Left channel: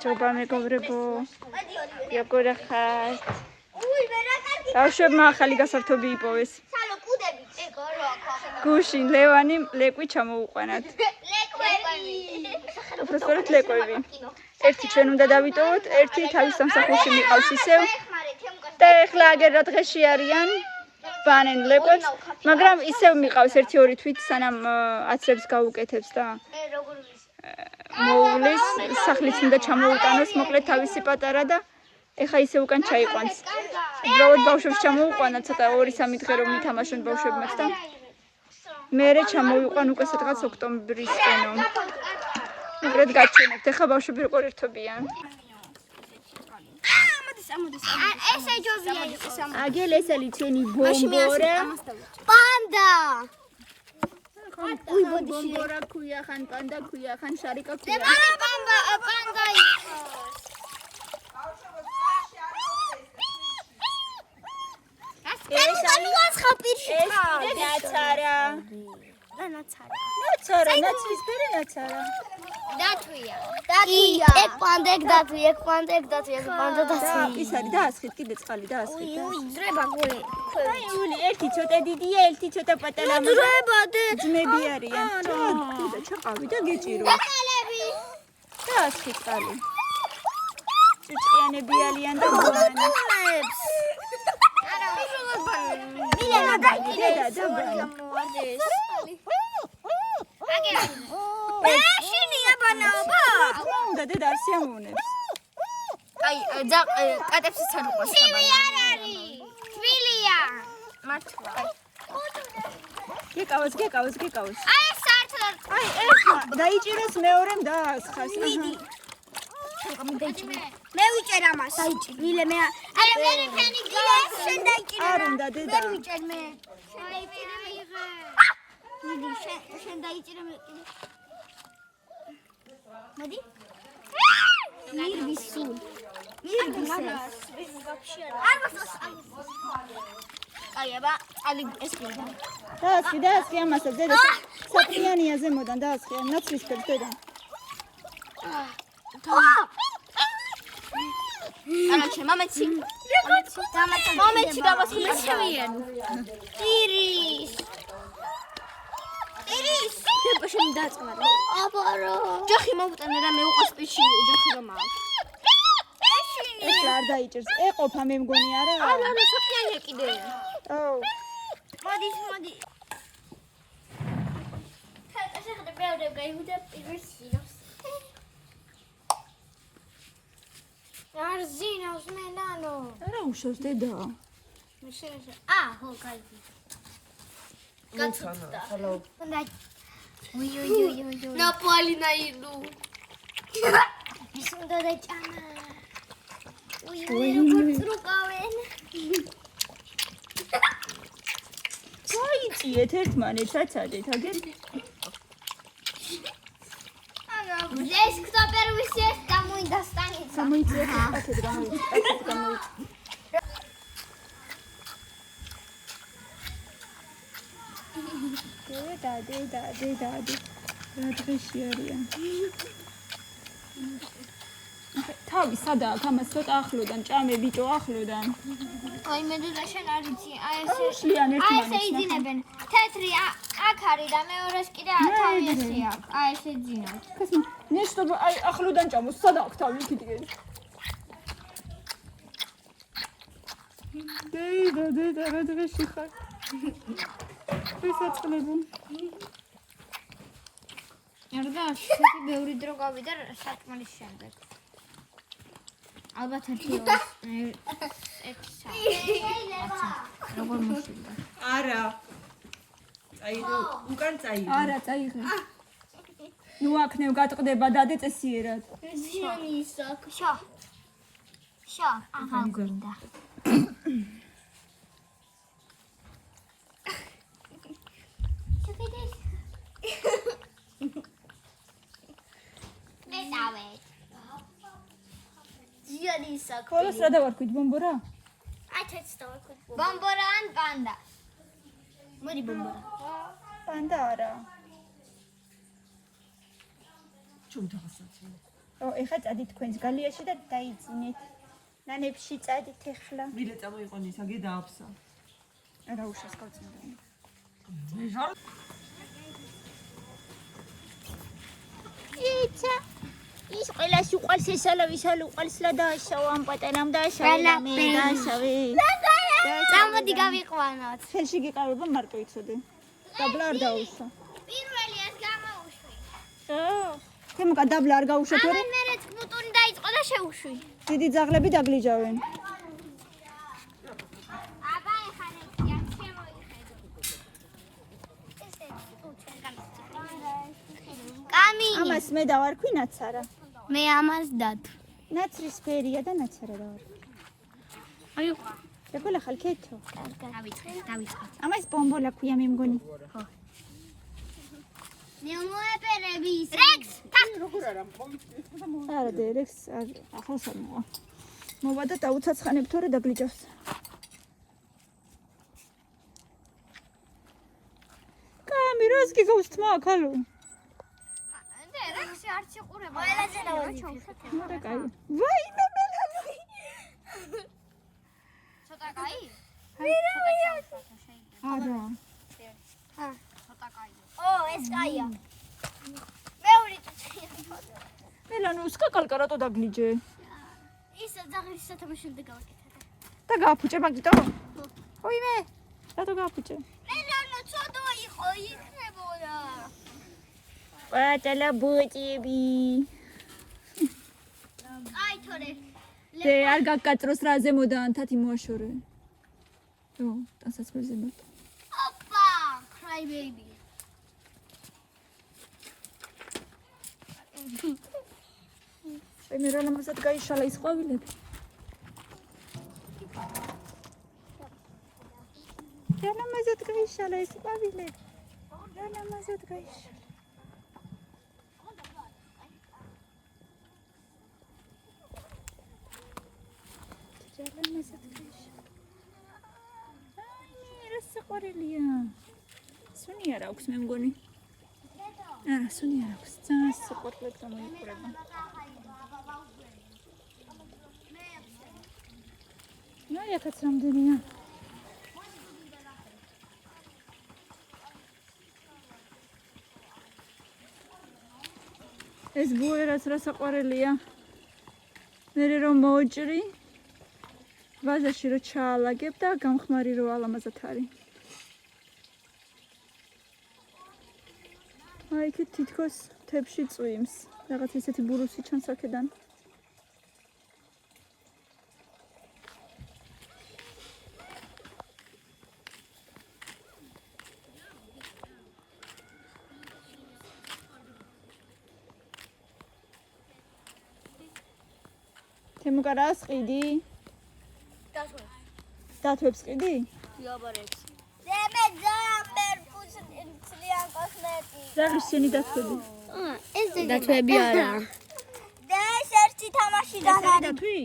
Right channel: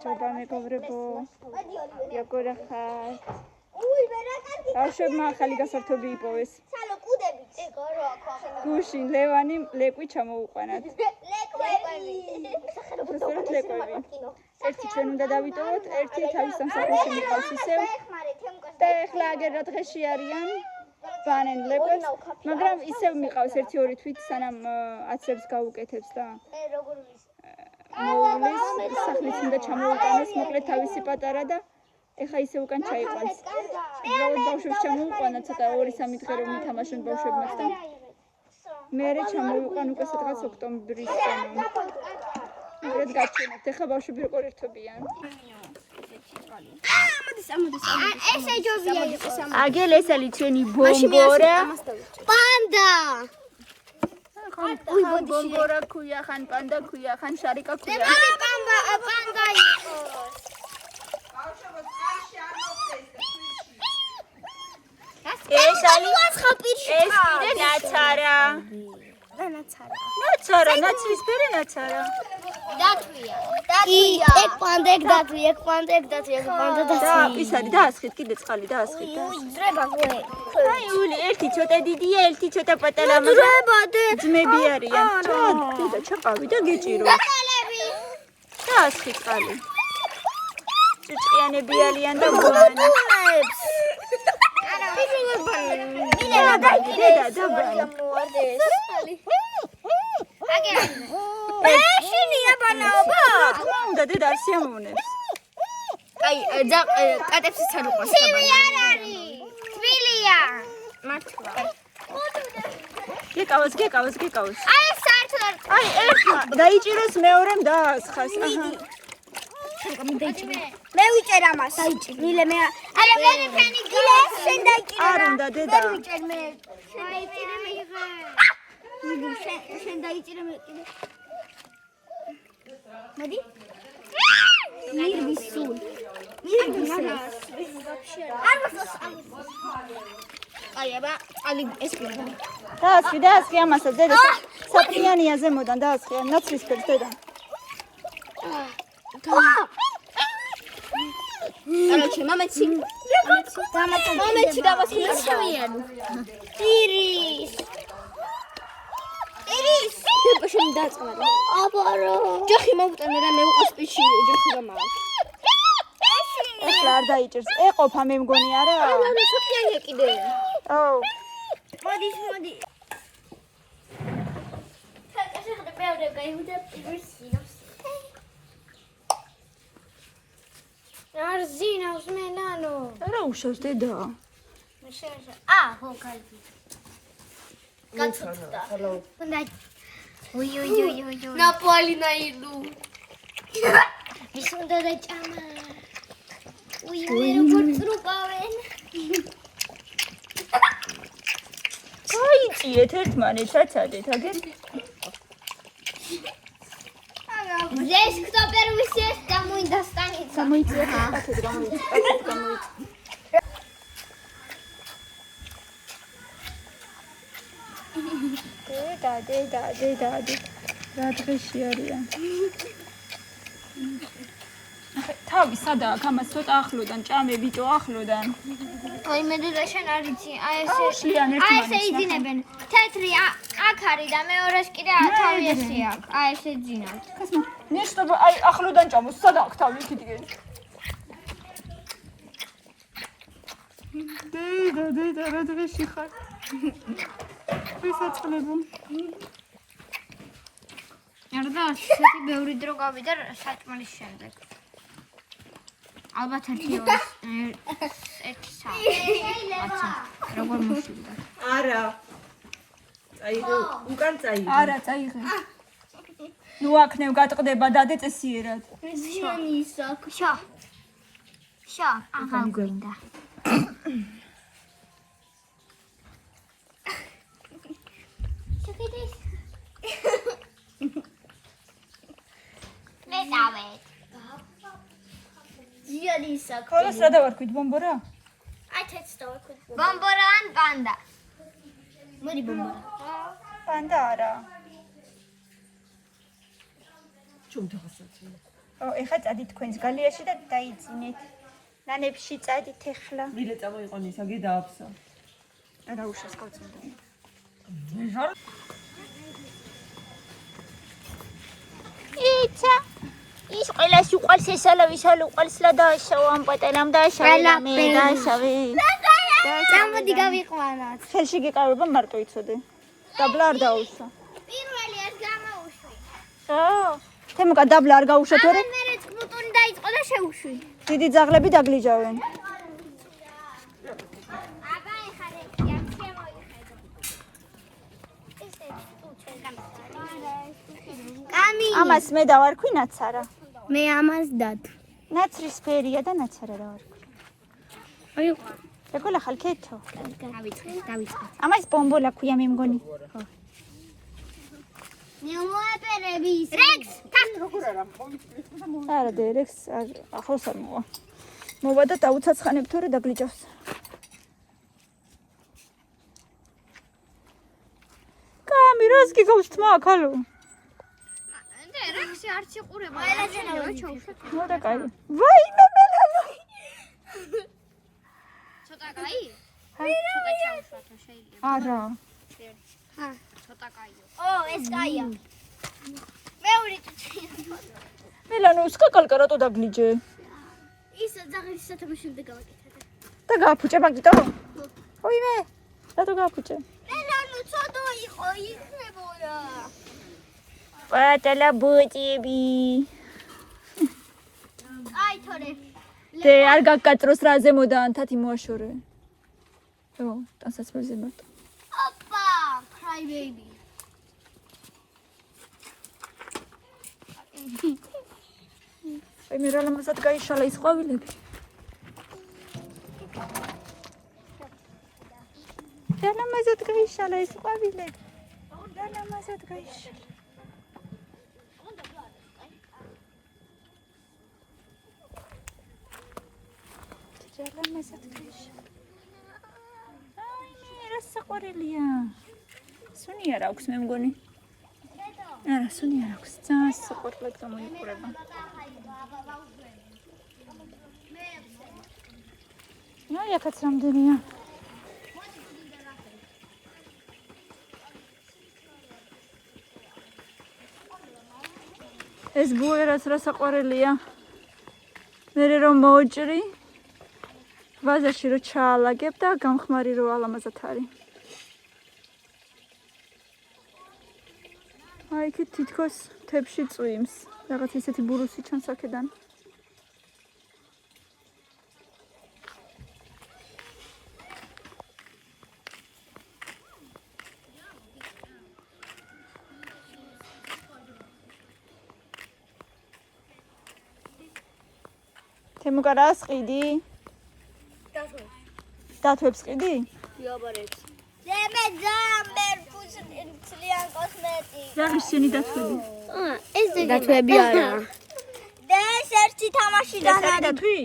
გამარჯობა მეგობრებო. როგორ ხართ? ბავშვებმა ახალი გასართობი იპოვეს. გუშინ ლევანი ლეკვი ჩამოუყვანათ. უბრალოდ ლეკვები. ერთი ჩვენ უნდა დავიტოვოთ, ერთი თავის სამსახურში მიყავს ისევ. და ეხლა აგერ რა დღეში არიან? ბანენ ლეკვებს, მაგრამ ისევ მიყავს 1-2 თვით სანამ აცებს გაუკეთებს და მოუვლის, სახლიც უნდა ჩამოუტანოს, მოკლედ თავისი პატარა და ეხა ისე უკან ჩაიყვანს. უბრალოდ ბავშვებს ჩამოუყვანა, ცოტა 2-3 დღე რომ ითამაშონ ბავშვებმაც და მერე ჩამოვიყვან უკვე სადღაც ოქტომბრისკენო. მოკლედ გაჩვენებთ, ეხა ბავშვები როგორ ერთობიან. ესე ჯობია იყოს ამ. აგელ ეს არის ჩვენი ბომბორა. პანდა. უი ბომბორა ქუია ხან პანდა ქუია ხან შარიკა ქუია. პანდა იყოს. ეს არის ხაპირში. ეს კიდე ნაცარა. ნაცარა, ნაცრისფერი ნაცარა. დათვია. ეგ პანდა დათვია, პანდა და ის არის დაასხით კიდე წყალი დაასხით. ძრება გულე. აი ული ერთი ცოტა დიდია, ერთი ცოტა პატარა. ძრება დე. ძმები არიან. და ჩაყავი და გეჭირო. დაასხით წყალი. ჭჭიანები არიან და გულებს. მილენა დედა დაბრანა. ეშინია ბანაობა. უნდა დედა არ შემოვნებს. აი კატებსაც არ უყვარს და ბანა. არ არის. თბილია. მართლა. გეკავოს. აი საერთოდ. აი ერთხა დაიჭიროს მეორემ დაასხას. მე ვიჭერ ამას. მილე მე. არა მე ფენი გილე შენ დაიჭირე. არ უნდა დედა. მე ვიჭერ მე. დაიჭირე მე იღე. შენ დაიჭირე მე კიდე. მოდი. მირვისულ. არ მოსოს. აი აბა ალი ეს კიდე. დაასხი ამასაც დედა. საფრიანია ზემოდან დაასხი ნაცრისფერს დედა. Короче, мамочки. Мамочки, да вас хлещевен. Ирис. Ты почему дацмар? Абаро. Джахи მოვუტანე და მე უყოს პიში ჯახი რომ მაქვს. ეს არ დაიჭერს. ეყოფა მე მგონი არა? არა, საფიანია კიდე. აუ. მოდი. ხა ხა პეოდე გაიუდა პირისი. არ ზინავს მე ნანო. რა უშავს დედა? მე შევშა. ხო, კაი. კაცოთა. უნდა. უი. ნაპოლი ნაიდუ. ის უნდა დაჭამა. უი, გურწრუკავენ. აი, წიეთ ერთმანეთს აცადეთ, აგერ. Здесь кто первый сест, тому и достанется. დედა. რა დღეში არიან? თავი სადაა? გამას ცოტა ახლოდან, ჭამე ბიჭო ახლოდან. ой, მე და შენ არ იცი, აი შიან ერთმანეთს. ესე იძინებენ. თეთრი აქ არის და მეორეს კიდე თავი ესე აქვს. აი ესე ძინავთ. ნიშნობა აი ახლოდან ჭამოს, სადა აქვს თავი კიდე. დედა, რა დღეში ხარ? ვისაწყლები. არა, ცოტა ბევრი დრო გავიდა საჭმელის შემდეგ. ალბათ ერთი საათი. როგორ მოსულდა? არა. წაიღე, უკან წაიღე. არა, წაიღე. ნუ აქნევ გატყდება დადე წესიერად. ზიანისა, შა. აღა გვინდა. მე დავე. ზიანისა. ხოლოს რა დავარქვით ბომბორა? აი თეთრს დავარქვით. ბომბორა ან პანდა? მოდი ბომბორა. პანდა არა. Чем ты гасать? ეხლა წადით თქვენს გალიაში და დაიძინეთ. ნანებში წადით ეხლა. მილე წამოიყვანე ისაგი დააფსა. რა უშავს გავწმენდა. იცა ის ყველას უყალს ესალა ვისალ უყალს ლა დააშავა ამ პატარამ დააშავა მე დააშავე. წამოდი გავიყვანოთ. ხელში გიყავება მარტო იცოდე. დაბლა არ დაუსვა. პირველი ეს გამოუშვი. თემუკა დაბლა არ გაუშვა თორე? მე კნუტონი დაიწყო და შევუშვი. დიდი ძაღლები დაგლიჯავენ. აბა ეხარე ჩემ შემოიხედო. ესე უჩენ კამი. ამას მე დავარქვი ნაცარა. მე ამას დად. ნაცრის ფერია და ნაცარა დავარქვი. აი ეგოლა ხალქეთო. დავიწყე. ამას ბომბოლა ქვია მე მგონი. ხო. მე მოეპერები ის. რექს, თან როგორ არა? არა დერექს ახლოს არ მოვა. მოვა და დაუცაცხანებ თორე დაგლიჯავს. კამი რას გიგავს თმა ახალო? და რექსი არ სიყურება. ყველაზე ჩაუშვე. ნუ და კაი. ვაი მე მელალო. ცოტა კაი? ცოტა ჩაუშვა თუ შეიძლება. არა. ცოტა კაია. ეს კაია. მეორე წუთი. მელანო სკაკალკა რატო დაგლიჯე? ის ძაღლის სათამაშო შემდეგ გავაკეთე. და გააფუჭე მაგიტო? ოიმე. რატო გააფუჭე? მელანო ცოტა იყო იქნებოდა. პატალა ბუტები. აი თორე. დე არ გაკატროს რა ზემოდა ანთათი მოაშორე. ო, დასაცმელზე მარტო. ოპა, cry baby. აი მე რა ლამაზად გაიშალა ის ყვავილები. რა ლამაზად გაიშალა ის ყვავილები. რა ლამაზად გაიშალა. რა ლამაზად გაიშალა. აი რა საყვარელია. სუნი არ აქვს მე მგონი. არა, სუნი არ აქვს. ძალიან საყვარლად გამოიყურება. აი ახაც რამდენია. ეს ბუერას რა საყვარელია. მერე რომ მოუჭრი. ვაზაში რო ჩაალაგებ და გამხმარი რო ალამაზად არის. აი იქ თითქოს თებში წვიმს. რაღაც ისეთი ბურუსი ჩანს აქედან. თემუკა რას ყიდი? დათვებს ყიდი? იაბარებს. მე ძამბერ ფუცლიან კოსმეტიკა. ზაღის შენი დათვები. ეს დათვები არა. და ეს ერთი თამაში ეს არის დათვი?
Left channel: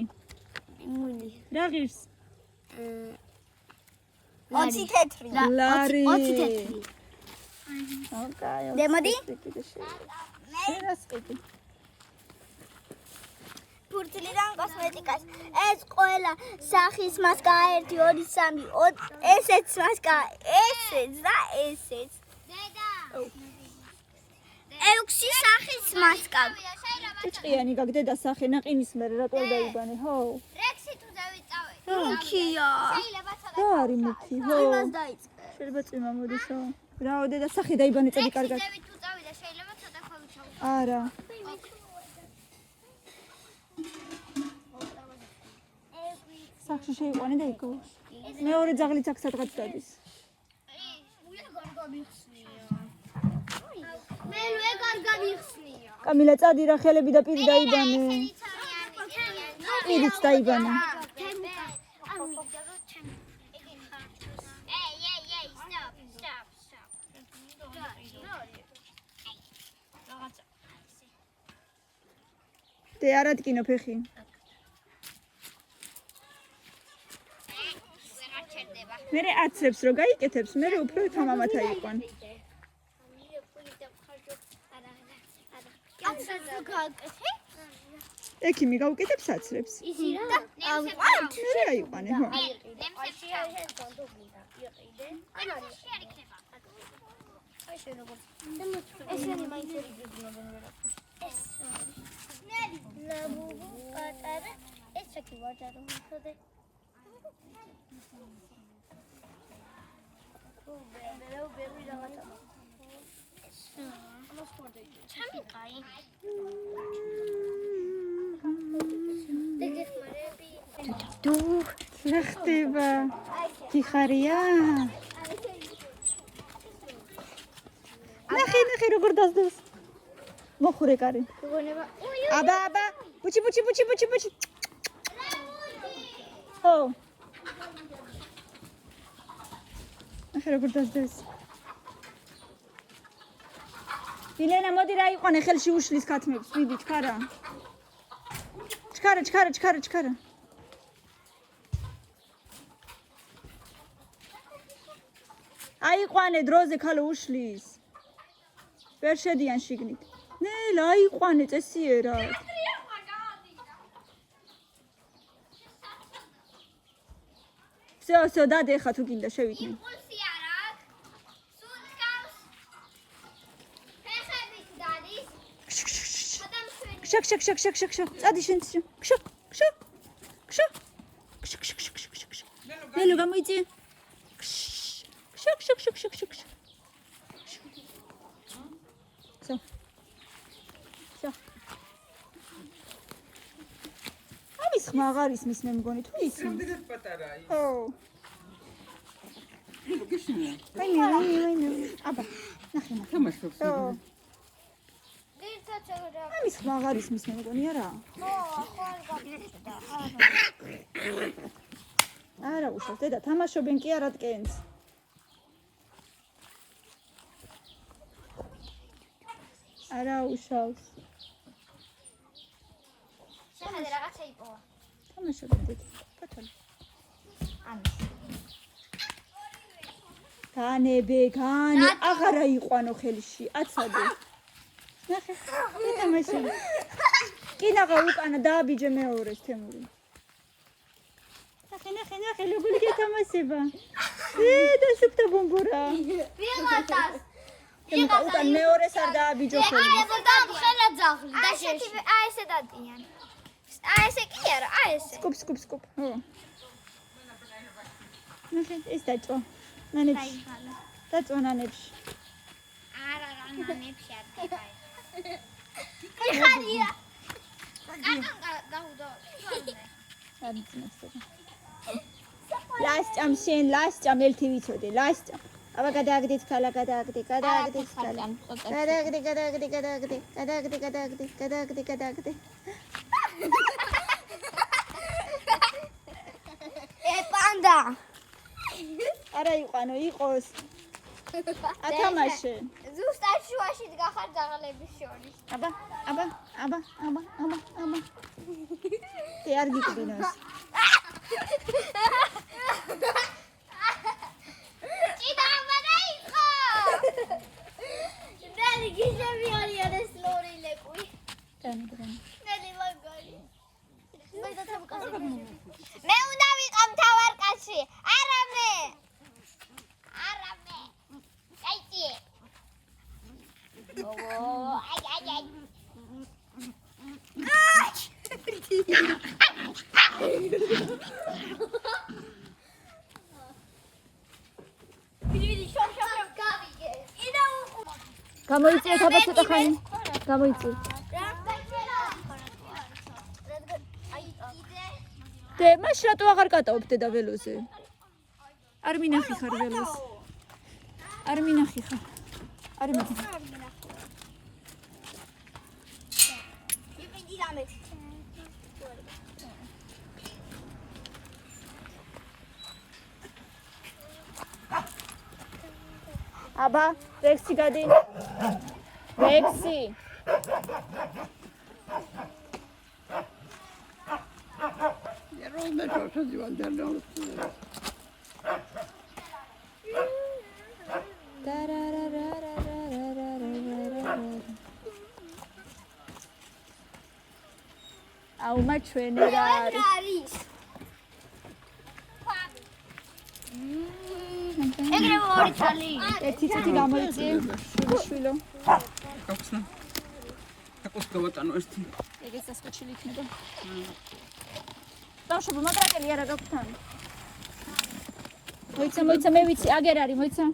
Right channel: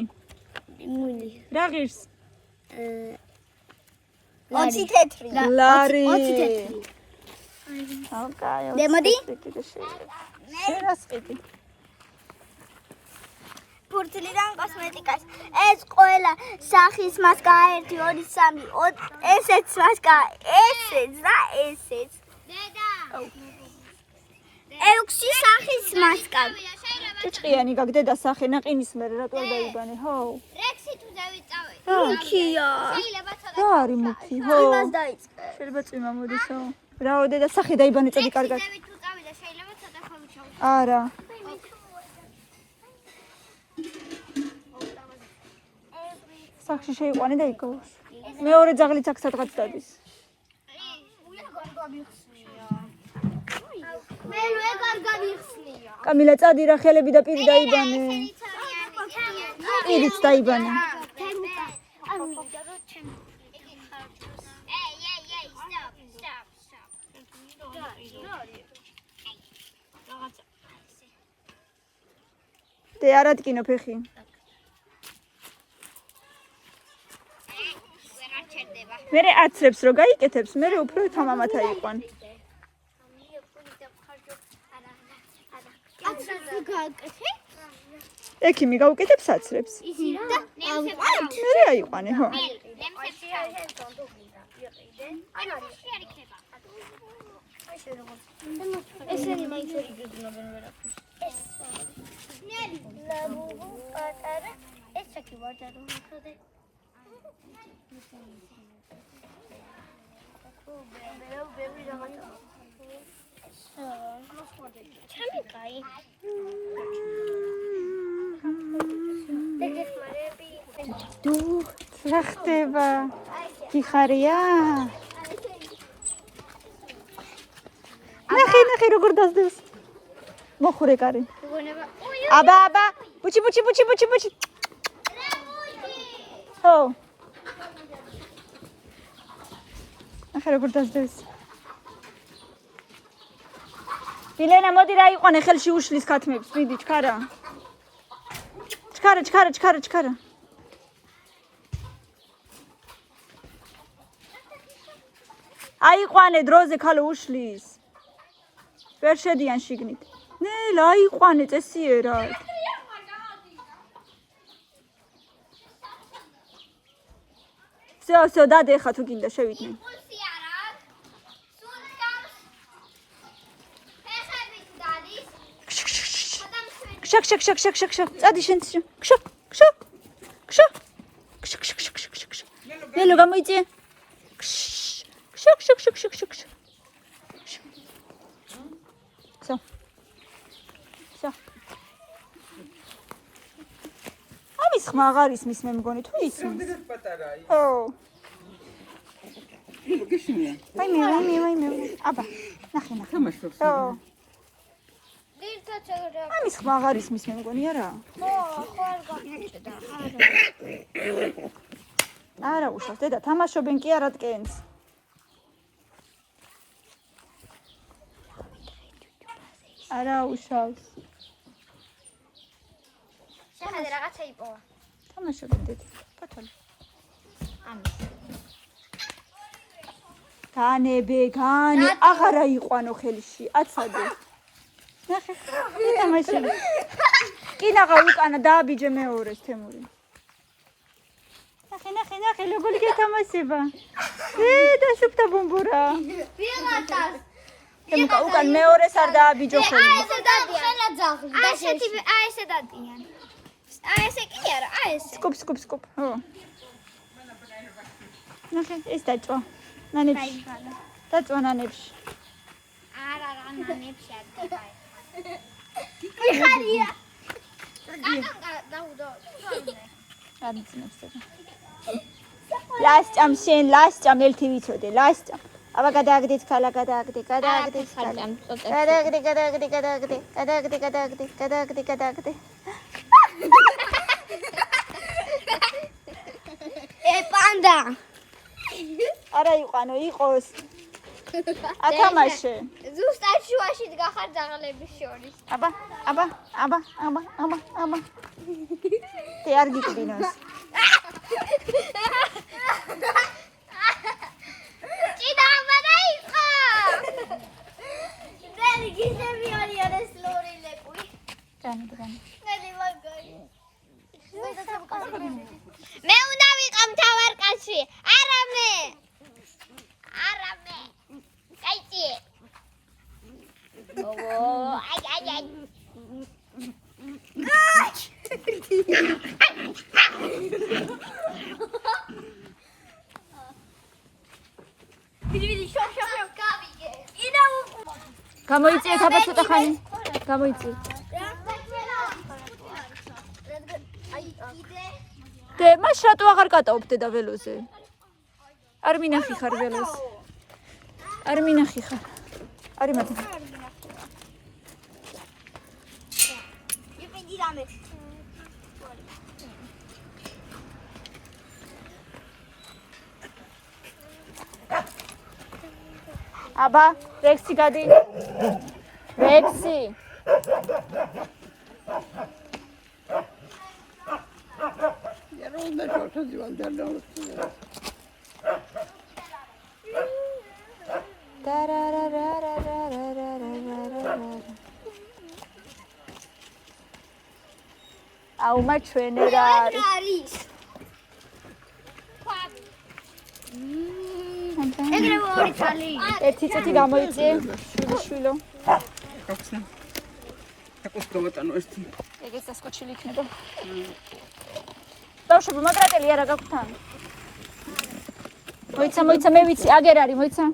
მული. რა ღირს? 20 თეთრი. ლარი. 20 თეთრი. ოკეი. დემოდი? შენ რას ყიდი? ფურცლიდან კოსმეტიკას. ეს ყველა სახის მასკა 1 2 3 ესეც მასკა ესეც და ესეც. დედა. 6 სახის მასკა. ჭიჭყიანი გაგდედა სახე ნაყინის მერე რატო დაიბანე, ხო? რექსი თუ დავიწავე. მუქია. შეიძლება ცოტა. რა არის მუქი, ხო? იმას დაიწყე. შეიძლება წვიმა მოდისო. რაო დედა სახე დაიბანე წადი კარგად. რექსი თუ წავიდა შეიძლება ცოტა ხომჩავ. არა. სახში შეიყვანე და იკოვოს. მეორე ძაღლიც აქ სადღაც დადის. მე ვეგარ გამიხსნია. კამილა წადი რა ხელები და პირი დაიბანე. პირიც დაიბანე. დე არ ადგინო ფეხი. მერე აცრებს რო გაიკეთებს, მერე უფრო თამამად აიყვან. აცრებს რო გააკეთე? ექიმი გავუკეთებ საცრებს. ისი რა? ავყავთ. მე აიყვანე, ხო? ნემსებში ესენი მაინც ვერ იგრძნობენ ვერაფერს. ეს ლაბუბუ პატარა ეს ჩაკი ვარდა რომ ხოდე ჩამიყაი დუ რა ხდება? გიხარია? ნახე როგორ დასდევს. მოხურე კარი. აბა ბუჩი ო ნახე როგორ დასდევს. ილენა მოდი რა იყვანე ხელში უშლის ქათმებს. მიდი ჩქარა. ჩქარა. აიყვანე დროზე ქალო უშლის. ვერ შედიან შიგნით. ნელა აიყვანე წესიერა. всё, დადე ხა თუ გინდა შევიდნენ. იმპულსი არა აქვს. სულ გავს. ფეხებით დადის. ქშაქ. წადი შენ. ქშაქ. ნელო გამოიწე. ქშაქ. всё. ამის ხმა აღარ ისმის მე მგონი თუ ისმის. რამდენად პატარაა? ო. გეშინია. აიმე. აბა, ნახე. თამაშობს. ო. ერთად რა. ამის ხმა აღარ ისმის მე მგონი არა. ხო, არ გაგიჭდა. არა უშავს დედა თამაშობენ კი არა დგენს. არა უშავს. შეხედე რაღაცა იპოვა. თამაშობენ დედა. პატარა. ამის. განები აღარა იყვანო ხელში. აცადე. ნახე. თამაში. კინაღა უკანა დააბიჯე მეორეს თემური. ნახე როგორი გეთამაშება. დაშუქდა ბუმბურა. ვიღაცას. უკან მეორეს არ დააბიჯო ხელი. ხელა ძაღლი. ესე დადიან. ესე კი არა, ესე. სკუპ. ხო. ნახე, ეს დაწვა. ნანებში. დაწვა ნანებში. არა, ნანებში არ დება ეს. იხარია. დაუდო. ლასჭამ შენ ლასჭამ ერთი ვიცოდე ლასჭამ აბა გადააგდეთ ქალა გადააგდე პანდა არა იყვანო იყოს ათამაშე ზუსტად შუაში დგახარ ძაღლების შორის აბა te არ გიკრინოს ჭიდა ამარაიყო ნელი გიზები არიან ეს ლორილები ჯანი ნელი მაგარი მე უნდა ვიყავ თავარკაში არამე კაიჭი ო აი ვიდი შოქ გავიგე ინა გამოიწია აბა ცოტა ხანი გამოიწია დე მას რატო აღარ კატაობ დედა ველოზე არ მინახი ხარ ველოზე არ მინახი ხარ არი მათი ვიდი რამე აბა რექსი გადი რექსი ეროვნდა შოთი ვანდერნო აუმა ჩვენი რა არის? არის. ეგრე ორი თალი. ერთი წუთი გამოიწე, შვილიშვილო. გაქვს აკუს დავატანო ერთი. ეგეც დასკოჩილი იქნება. ბავშვებო, მაგრატელი არა გაქვთ თან? მოიცა, მე ვიცი, აგერ არის, მოიცა.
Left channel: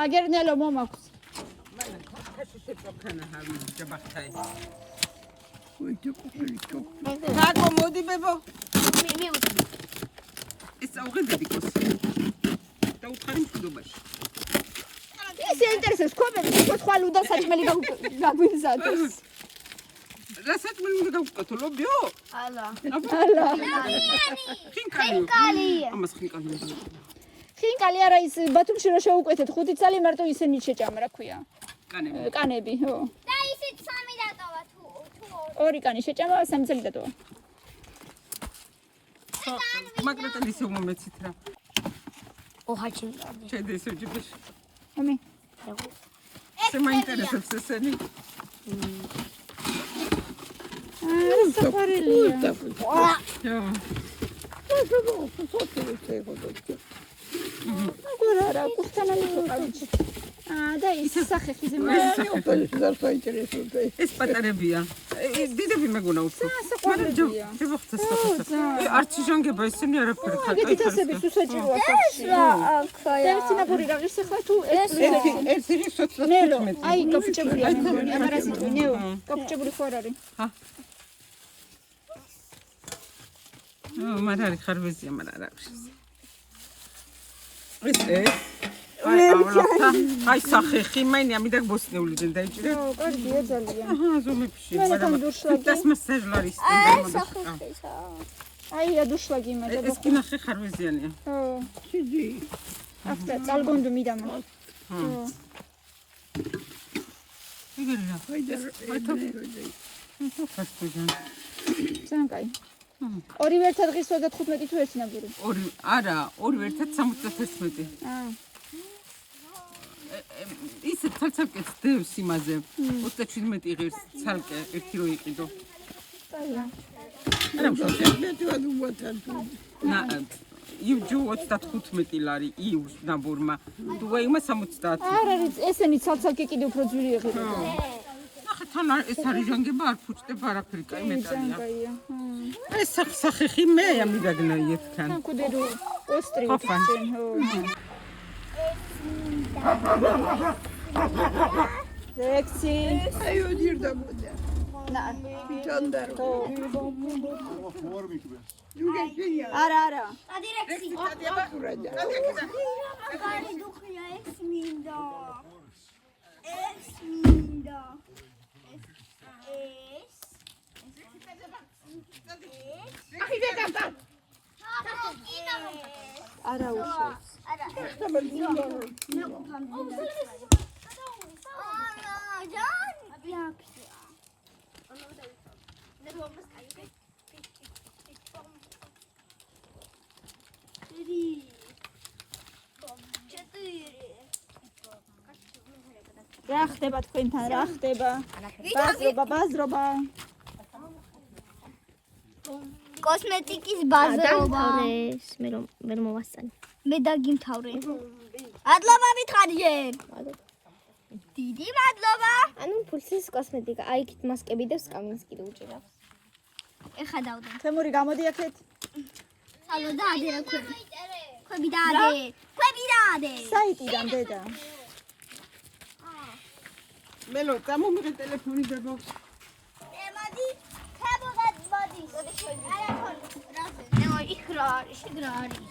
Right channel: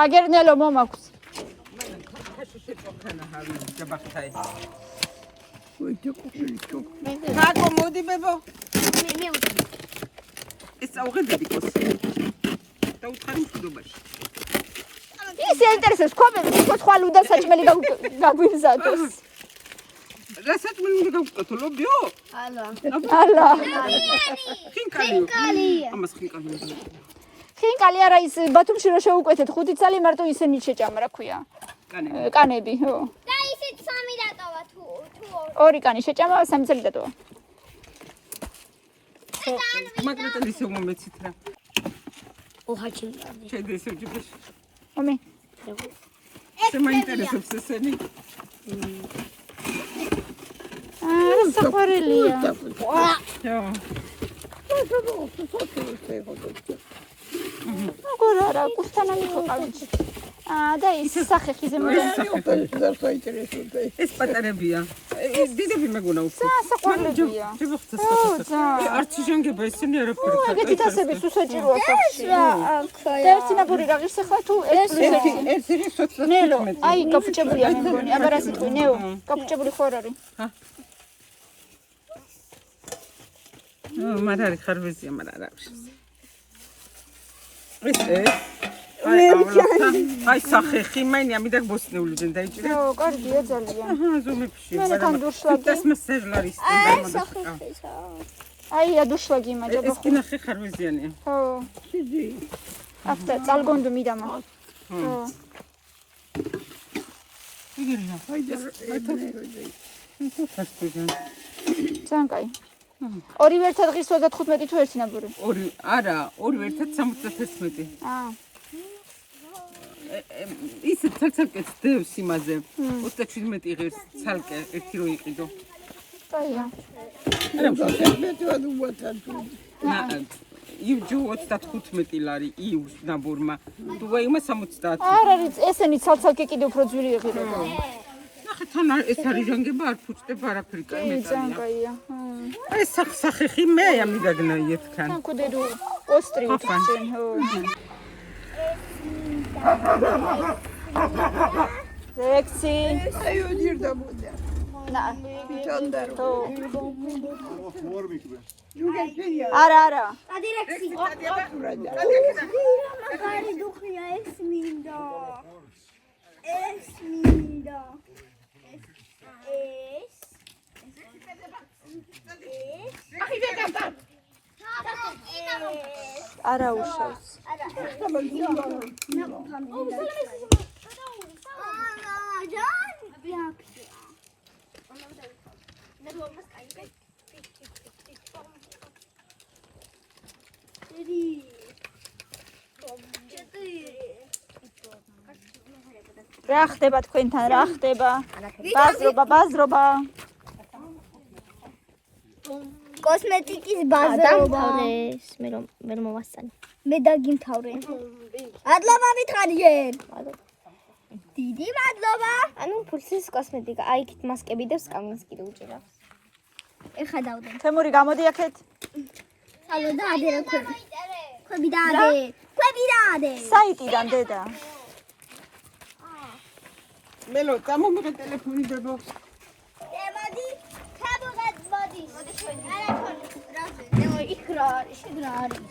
აგერნელო მომაქვს. ნაკო მოდი ბებო. მე ეს აუღებდი კოსი. და უთხარი მშვიდობაში. ის ინტერესებს ქვაბები, სხვა ლუდა საჭმელი გაგვიზადოს. რასაც მე უნდა გავუკეთო ლობიო? ალა. ალა. ხინკალი. ამას ხინკალი. ხინკალი არა ის ბათუმში რო შეუკვეთეთ 5 წელი მარტო ისენი შეჭამა რა ქვია. კანები, ხო. და ისიც 3 დატოვა თუ 2 კანი შეჭამა 3 წელი დატოვა. მაგრატელის მომეცით რა. ოჰაჩი. შედი ესე ჯიბეშ. ომე. ეს მაინტერესებს ესენი. საყვარელია. ხო. აგორა რა კურთანა მიყავიჩი. და ის სახეხი ზემო. ეს პატარებია. დიდები მეგონა უფრო. საყვარელია. არც ჟანგება ესენი არაფერი. ეგეთი თასების უსაჭიროა სახში. და ერთი ნაბური რა ღირს ახლა თუ ეს ის ნელო, აი კაფუჭებული არ მეგონი, აბა რა სიტყვი, ნეო, კაფუჭებული ხო არ არის? მარ არის ხარვეზია, მარ არ აქვს. აი ავლახა, აი სახეხი, მაინი ამიდან ბოსნეულიდან დაიჭირე. ო, კარგია ძალიან. ზომებში, მაგრამ das მასერლარის სტანდარტი. აი ადუშლაგი მაჯა. ეს კინახი ხარვეზიანია. ხო. ჩიძი. ახლა წალგონდო მიდამა. ხო. იგერია, აიდე. ძალიან კაი. ორივე ერთად ღირს 35 თუ ერთი ნაბური? არა, ორივე ერთად 71. აა. ის ცალკე დევს იმაზე. 37 ღირს ცალკე ერთი რო იყიდო. კაია. არა, მეტად უვათან. იუჯო 35 ლარი იუს ნაბურმა. დუაიმა 70. არ არის ესენი ცალკე კიდე უფრო ძვირი ღირება. ახლა თან ეს არის ჟანგება არ ფუჭდება არაფერი კაი ძალიან მეტალია. კაია. ეს სახეხი მე ამიდაგნაი ეთქან. კუდერო ოსტრი უთხენ, ხო. ლექსი. აი ოდირდა მოდა. ნა. ჩანდარო. არა. ადირექსი. მაგარი დუხია ეს მინდა. ეს მინდა. არა უშავს. რა ხდება თქვენთან? რა ხდება? ბაზრობა. კოსმეტიკის ბაზრობა. მე რომ მოვასწანი. მე დაგიმთავრე. მადლობა მითხარიერ. დიდი მადლობა. ანუ ფულსის კოსმეტიკა, აი იქით მასკები და სკამინს კიდე უჭირავს. ეხა დავდე. თემური გამოდი აქეთ. სალო და ადერა ქვები. ქვები და ადე. საიტიდან დედა. მელო, გამომიღე ტელეფონი ბებო. მოდი, ხებურად მოდი. არა თორე, რაზე? ნეო იქ რა არის, შიგ რა არის?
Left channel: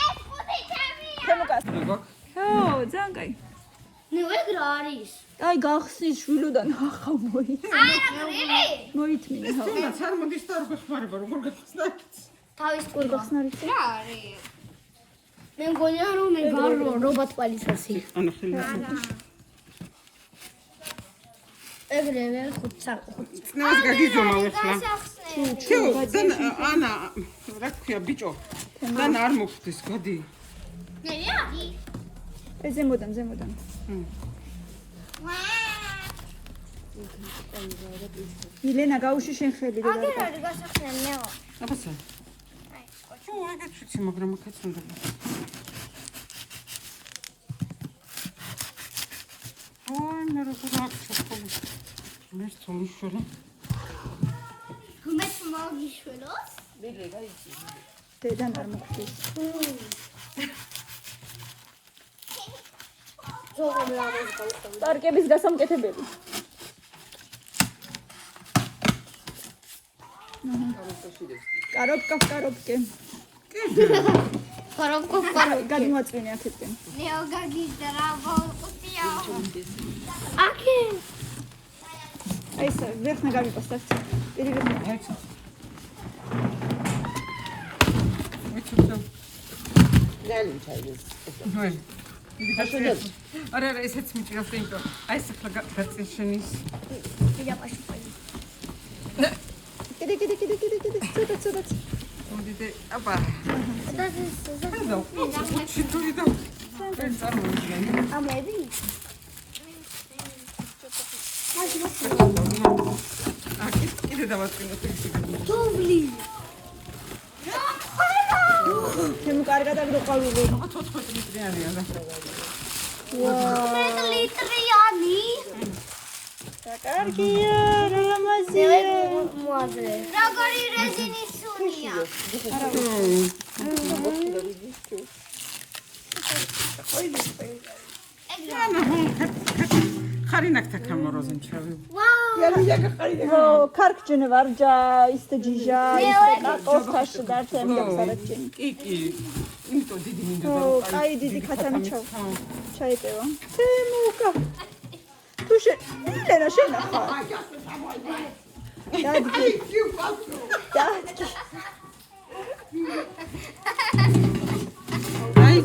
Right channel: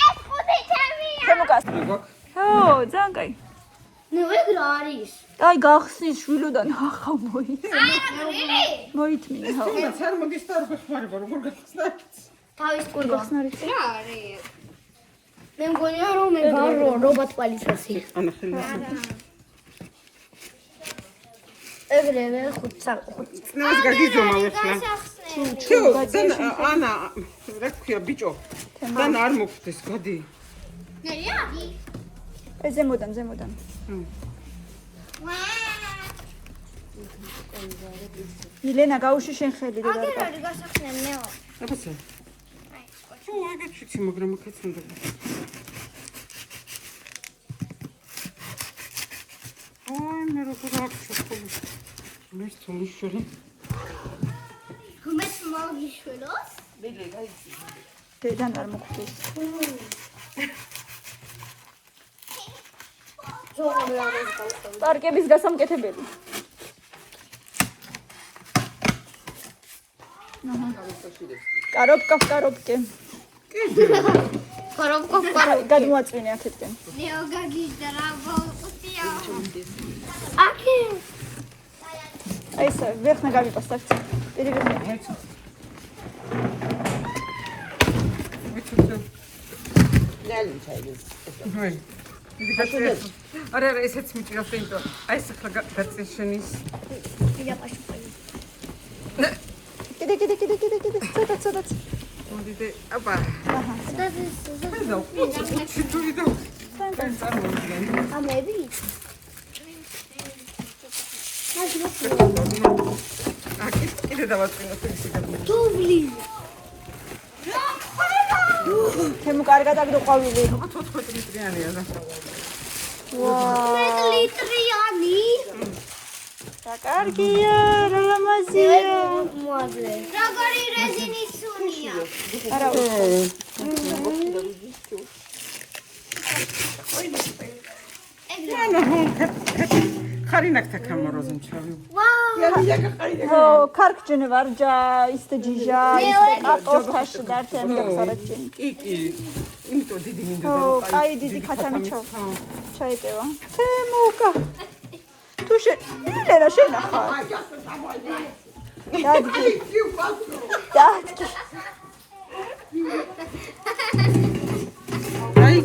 ეს ხუთი თემია. თემუკას. მეგოქ. ხო, ძალიან კაი. ნეო ეგ რა არის? აი გახსნის შვილოდან ახლა არა, მოითმინე, ხო. არ მოდის და არ გეხმარება როგორ გახსნათ. თავის ტყუა. რა არის? მე მგონია რომ მე ვარ რობოტ პოლიციაში. ანა ხელმასაკი. ეგრევე ხუთსა. ნას გაგიძომა ახლა. ანა რა ქვია ბიჭო დან არ მოგხვდეს გადი ზემოდან ილენა გაუში შენ ხელი და როდი გასახსნე მეო. აბასა ო ეგეც ვიცი მაგრამ მოგეცნობა ой მე როგორ აღწევ მე სწორიშორი გმეც მოგიშველოს? დედან არ მოგხვდეს პარკების გასამკეთებელი კარობკე Коробка. გადმოაწვინე აქეთკენ Нео гагидра волкутია. აკე. აი ეს ვერხნა გავიპასტავ არა ესეც მიჭირავს იმიტომ აი ეს ახლა გაწეშენის კიდე ცოტა მოდიდე აბა და ჩიტური და კენ წარმოვიდგენ ამები. კიდე დავაწინოთ ისე დუბლი. თემ კარგად აგდოყავილი 14 მეტრიანია და მეტრიანი. კარგია რა ლამაზია მოადრე. როგორი რეზინის სუნია. არა ხარინაკთა კამეროზენ ჩავი ვაუ. კარგჯენი ვარჯა ისე ჯიჟა ჯოგოხში კი იმიტომ დიდი მინდოდა რომ აი დიდი ხათანი ჩაიწევა თემუკა თუ ელერა შენახა აი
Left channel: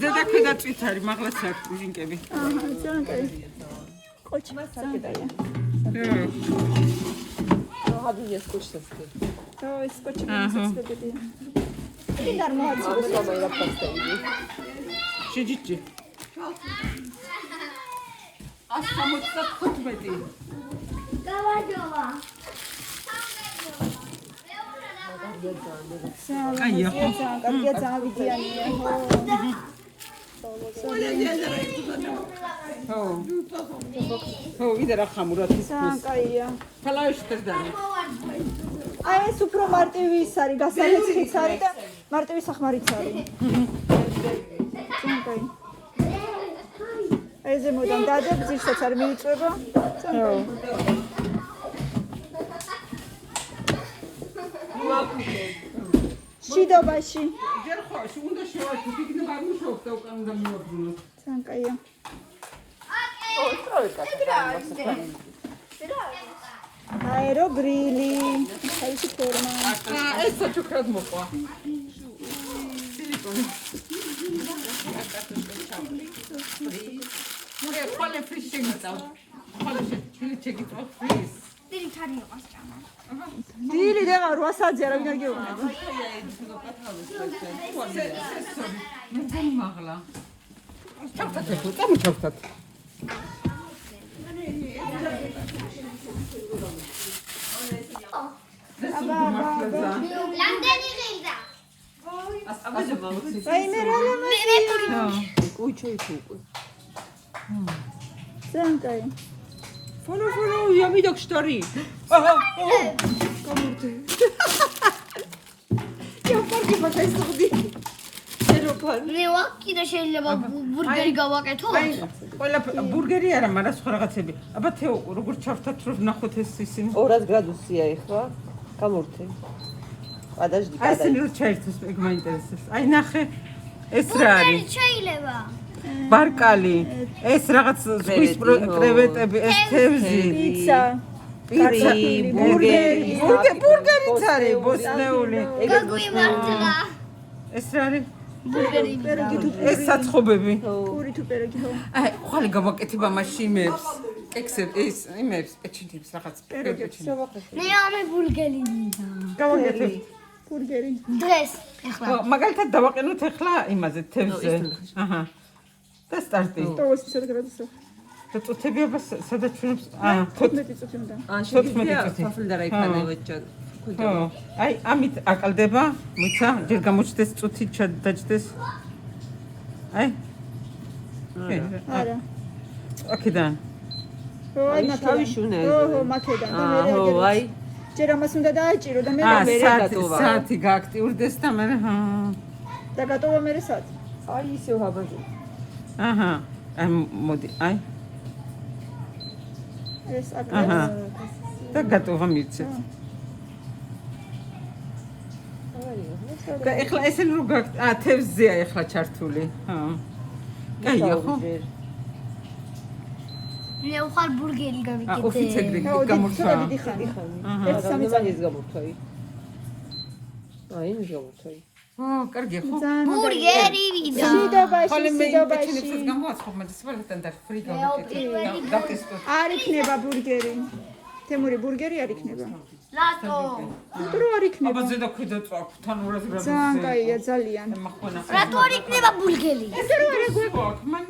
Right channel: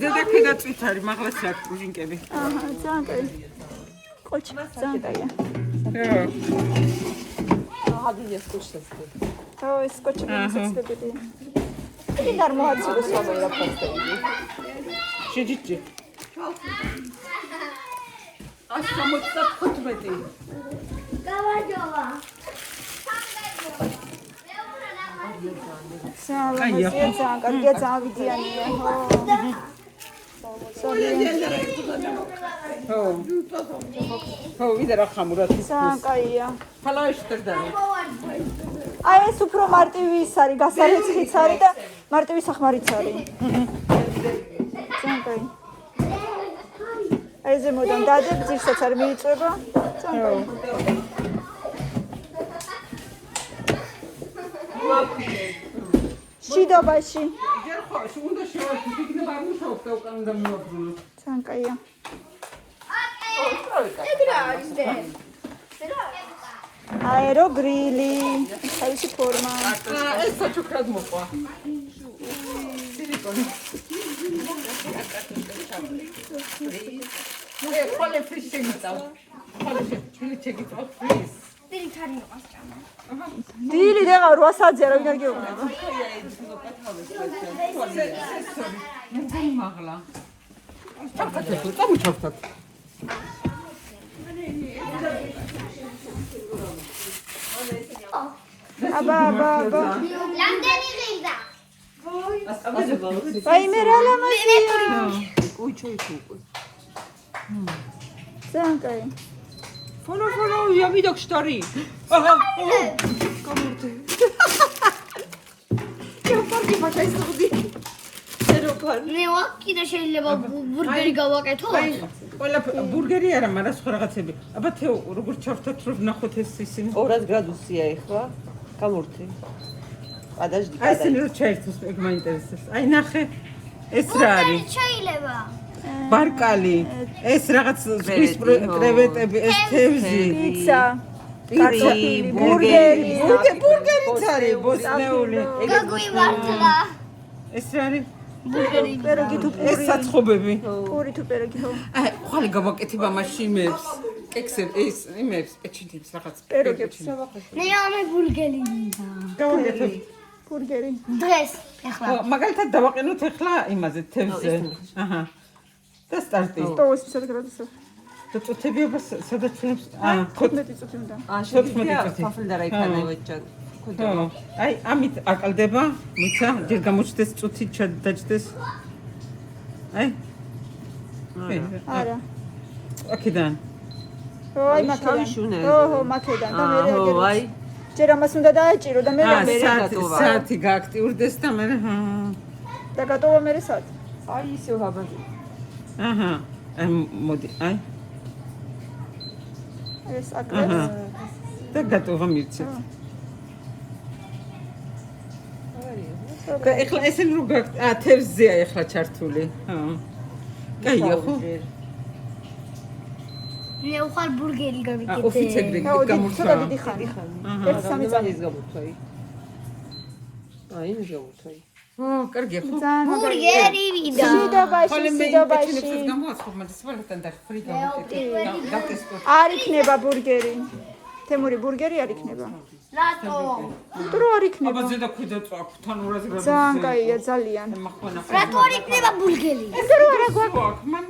ზედა კიდე წითარი მაღლაც აქვს ბუჟინკები კოჩი ზანკაია ეს კოჩი მისაცებია იგი ნორმალურს შეჯიჭი 175 გავაჯოვა. კარგია წავიდიანია ხო ვიდა რა ხამურად საკაია ფალაიშ წერდარი აი ეს უფრო მარტივი ის არის გასაეცხიც არის და მარტივი სახმარიც არის საკაი აი ზემოდან დადებ ძირსაც არ მიიწება საკაი შიდობაში ჯერ ხო უნდა შევაშო იქნება არ მუშაობს და უკან უნდა მოვაბრძოლო საკაია აეროგრილი თავისი ფორმა ეს საჩუქრად მოყვა ხვალე ფრის შეგიწავ ხვალე შეგიწავ ფრის დიდი თარი იყოს ჭამა. დილი დაღა 8 საათზე რა გიგეუბნება მე მაღლა ჩავხატებ წამოჩავხატ აბა რამდენი ღირდა? აი მე რა ლამაზია საკაი Follow, я видел штори. Ага. Комурте. Я პარკი მაგაისხდი. შეროფან. მე ვაკიდა შეიძლება ბურგერი გავაკეთო? ყველა ბურგერი არა, მაგრამ სხვა რაღაცები. აბა თეო, როგორ ჩავთათ რომ ნახოთ ეს ისინი? 2 გრადუსია ეხლა. გამურთე. Подожди. აი ეს მილჩერტს ეგ მაინტერესებს. აი ნახე. ეს რა არის? შეიძლება. ბარკალი. ეს რაღაც ზღვის კრევეტები, ეს თევზი. პიცა პიცა, ბურგერიც არის ბოსნეული. გაგვიმართლა. ეს რა არის? ბურგერი პეროგი თუ ეს საცხობები. პური თუ პეროგი ხო აი, ხალი გავაკეთება მაშინებს. კექსებს ის იმებს პეჩინებს რაღაც პეროგებს. მე ამე ბურგერი მინდა. გავაკეთებ. ბურგერი. დღეს ეხლა. მაგალითად დავაყენოთ ახლა იმაზე თევზზე. აჰა. და სტარტი. 120 გრადუსზე. და წუთებიობა სადაც ჩვენებს 15 წუთი უნდა. შეგვიძლია წუთი. ფაფლი და რაიქანა ვეჭან. აი ამით აყალდება, მიცა, ჯერ გამოჩდეს წუთი დაჭდეს. აი. არა. აქედან. აი მაქედან. ოჰო, მაქედან და მე აი ჯერ ამას უნდა დაეჭირო და მე საათი გააქტიურდეს და მე და გატოვა მე საათი. აი ისე ვაბაძე. აჰა. მოდი, აი. ეს აჰა. აკრებს. და გატოვა მივცეთ. ეხლა ესენ რო თევზზეა ეხლა ჩართული. კაია ხო? მე უხარ ბურგერი გავიკეთე. ოფიცერი გამორჩა. დიდი ხანი. ეს სამი წამის გამორთვი. აი მჟოვთვი. კარგია ხო? ბურგერი ვიდა. სიდაბაში. გამოაცხობ მე სპორტთან და ფრი გავაკეთე. არ იქნება ბურგერი. თემური ბურგერი არ იქნება. რატო? თუ არ იქნება. აბა ზედა ქვიდა წვაკ თან 200 გრამზე. ძალიან კაია, ძალიან. რატო არ იქნება ბურგერი? ესე რომ არა გვაქვს. მან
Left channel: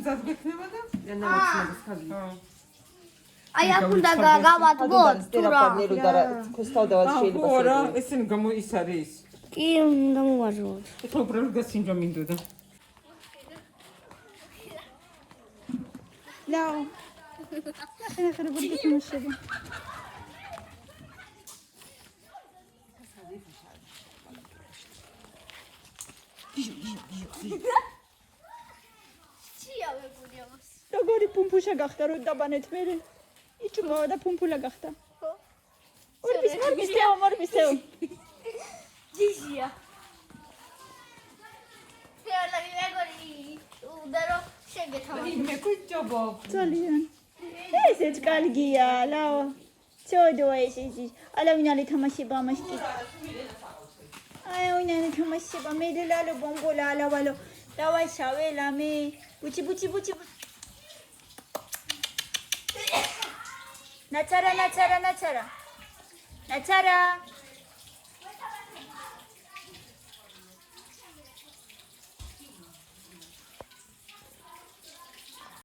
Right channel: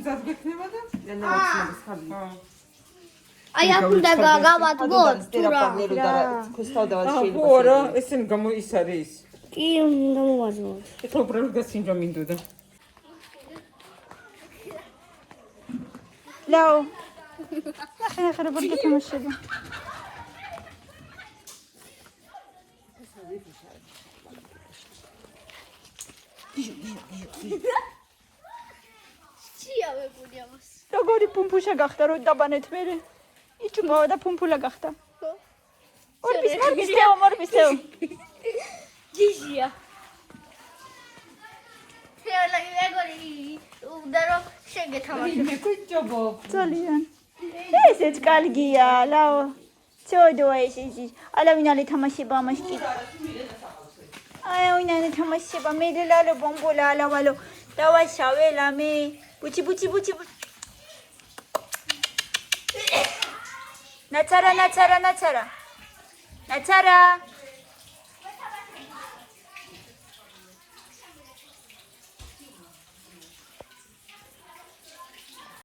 მზად გექნება და აი აქ უნდა გავადგოთ თუ რა. ხო რა, ესენ გამო ის არის. კი უნდა მოვაჟოთ. ეხლა უბრალოდ გასინჯვა მინდოდა. ლაო. ნახე რა ბურგერი თამაშები. როგორი პუმპუშა გახდა რო დაბანეთ მე იჭმავა და პუმპულა გახდა ორბისეო ჯიჟია შეიძლება ეგორი უნდა რომ შეგეთამაშო ძალიან ესეც კარგია ლაო ცოდო ეს ალავინალი თამაშება ამაში აი ვინანი თამაშება მე ლალო ბომბოლა ალავალო დავაშავე ლამე ბუჩი ნაცარა